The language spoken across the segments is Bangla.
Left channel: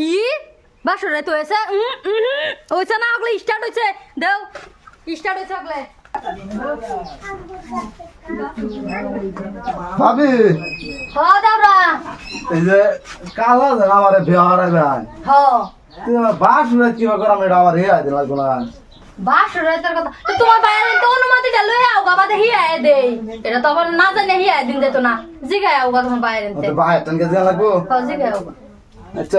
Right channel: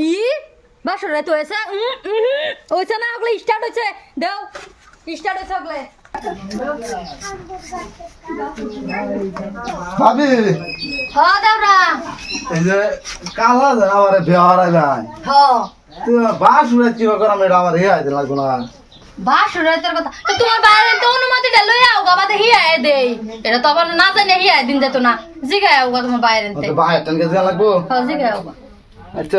কি? বাসর রাত হয়েছে উম, উম, হয়েছে না ওগুলো স্টার্ট হয়েছে। দেও স্টার্ট হয়েছে ওগুলো। ভাবি। হ দাওরা এই যে কালা আমার বেহার ভাই হ। তুই বাস উড়ে চিবা করা মেয়েটা আমার হে আইতে লাগবো না। বাসর রাতের কথা তোমার বাইরে তো অনুমতিটা লই আও গা বাদে হিয়ায় দেই। এটা তো আবার না জানে হিয়ায় দিন যেত না। জিগায় আও গা তোমার বাইরে তো। ভাই টান লাগবো? হ জিগায় আও আচ্ছা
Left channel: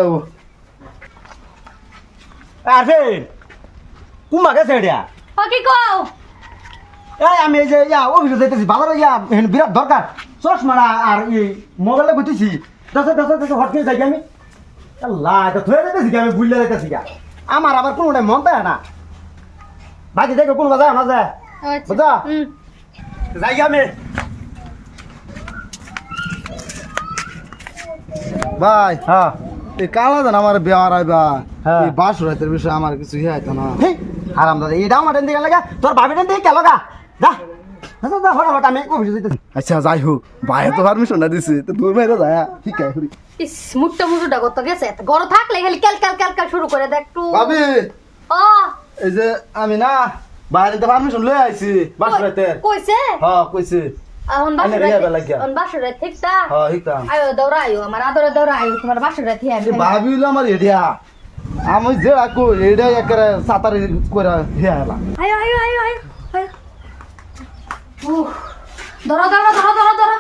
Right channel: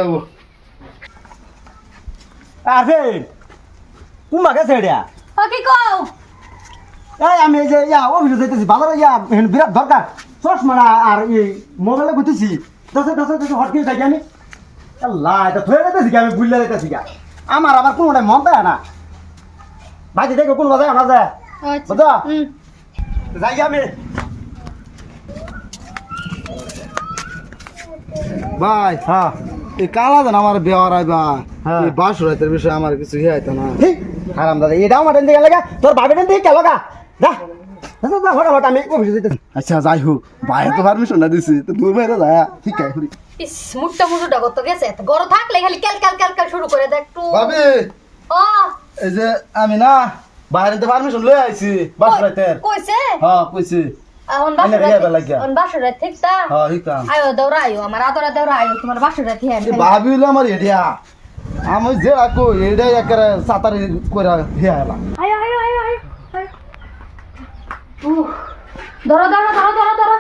ও আর ফের কুমা গেছে এটা? কি কও? এই আমি এই যে ইয়া অফিসে যাইতেছি বাজারে ইয়া এখানে বিরাট দরকার। চশমাটা আর এই মোবাইলে গুতেছি দাসে দাসে দাসে হটকে যাই আমি। আল্লাহ এটা থয়ে যাইতেছি কি? আমি ভুলে যাইতেছি কি? আমার আবার কোনোটাই মন দেয় না। বাকি দেখো কোন বাজায় না যায়? আচ্ছা। বুঝা যাই আমি। ভাই হ্যাঁ। কালা আমার আইবা হ্যাঁ। এই বাস উড়াইতে বিষয়ে আমার কিছু হে আইতো না। হারাম দাদা এটাও আমার দিকে লাগা তোর বাপের দিকে কে লাগা। যা যা, যা, যা ফটাফট আমি আচ্ছা যাই হোক ভাই তো পারমিশন না দিছি তো দূর মেরে যায় ঠিক আছে ইস মুটটা মুটুটা কত গেছে? এত গরম থাকলে খালি ক্যাল ক্যাল ক্যাল ক্যাল শুরু করে দে একটু। ভাবি ও। এই যে আমি না বাইরে পারমিশন লই আইছি বাস উড়াইতে কইছে? হ্যাঁ কইছি। আইনা বাসর হ্যাঁ হিতাম আয়ো দৌড়া আয়ো আমার আদরে দৌড়া আয়ো তোমার বাসর হ্যাঁ এই ভাবি হইল আমার এডিয়া আমি যে রাখো এটা একেবারে সাঁতার করে হে আইলা আয়ো আয়ো আয়ো আয়ো। উহ, ধরো ধরো ধরো ধরো ধরো।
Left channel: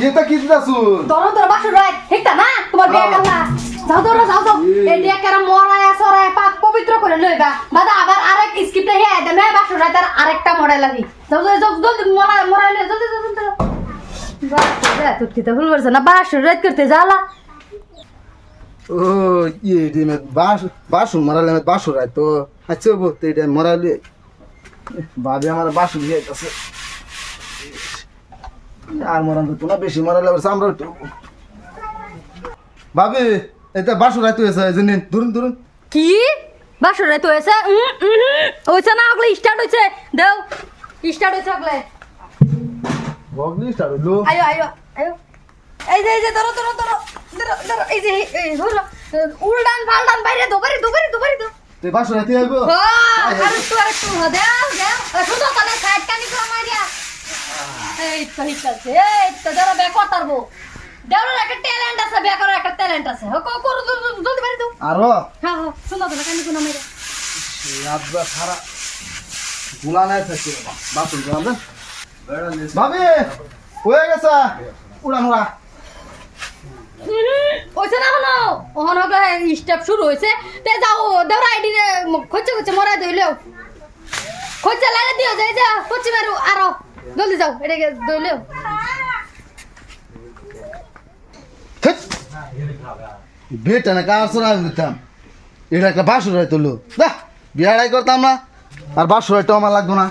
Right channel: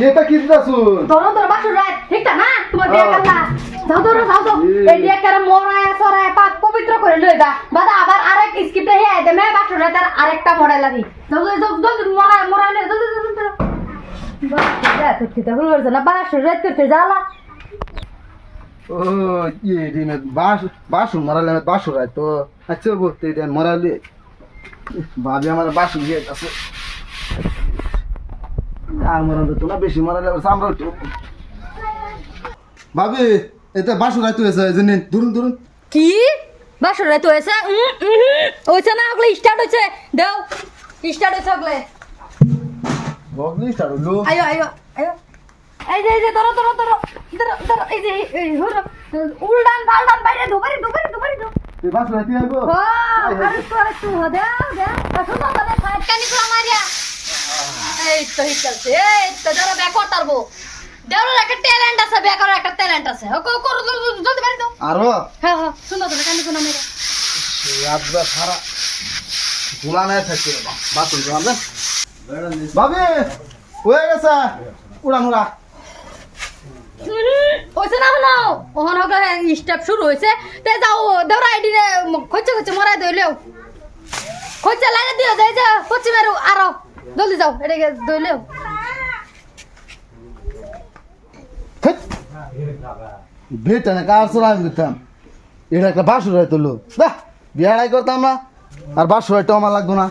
এটা কি দিতাছু ধরো ধরো বাসর ঠিকটা না? তোমার বিয়া হ্যাঁ। যাও ধরো যাও যাও। এই করে মরায়া সরায়া পাক পবিত্র করে লইবা। বাদা আবার আরেক স্ক্রিপ্টে আরেকটা মডেল আনি যাও যাও যাও জলদি মরা মরা লই জলদি জলদি জলদি বাসর রাত তুই তো ভুল করছ না? বাসর রাত করতে জালা ও ইয়ে ডিমে বাস বাসুন মারালে আমি বাসু রাই তো। আচ্ছা বো তো এটা মারালে ভাবি আমার বাসু দিয়ে আছে আর মরান তো না বেশি মারালে আবার সামরা উঠে। ভাবি এটা বাসু রাই তো এসে জানেন ধরুন ধরুন। কি? বাসর রাত হয়েছে? হয়েছে না ওগুলো স্টার্ট হয়েছে। দেও স্টার্ট হয়েছে ওগুলো। বগলি স্টার হইল আয়ো আয়ো আয়ো এই যে এই যে ধরো ধরো ধরো ধরো ধরো এই যে এই ধরো উল্টান পাল্টান বাইরে দো বাইরে দো বাইরে দো তুই বাসু রাইতে আইবো ও আরেকটু আরেকটু হ দেও দেও শুনো তাদের সাইড কানি গুলো মারিয়া। এই তো ঠিক আছে এই তো ধরো ব্যাক করতারবো দেওয়ার একটা ট্যালেন্ট আছে ব্যাক করার একটা ট্যালেন্ট আছে। ও করো জলদি বাইরে দো আরও হ্যাঁ হ্যাঁ শুনো তো কানি গুলো মারিয়া। আব্বা খারাপগুলা নাই থাকি বাসুন রান্ধেন ভাবি হয়ে গেছে? উড়ান উড়া হয়েছে না হলো? ওখানে স্টেপ শুরু হয়েছে তে যাও ধরো আইডি রে খোঁজে খোঁজে মরাই দইলেও খোঁজে লাগে দিও যাই যা আরও। জলদি যাও এটাকে দইলেও বেটা না কার সরা দিতাম। এটা একটা বাসুর হয় তুলো বিয়াড়াই করতাম না। আর বাসুর আমার লাগতো না।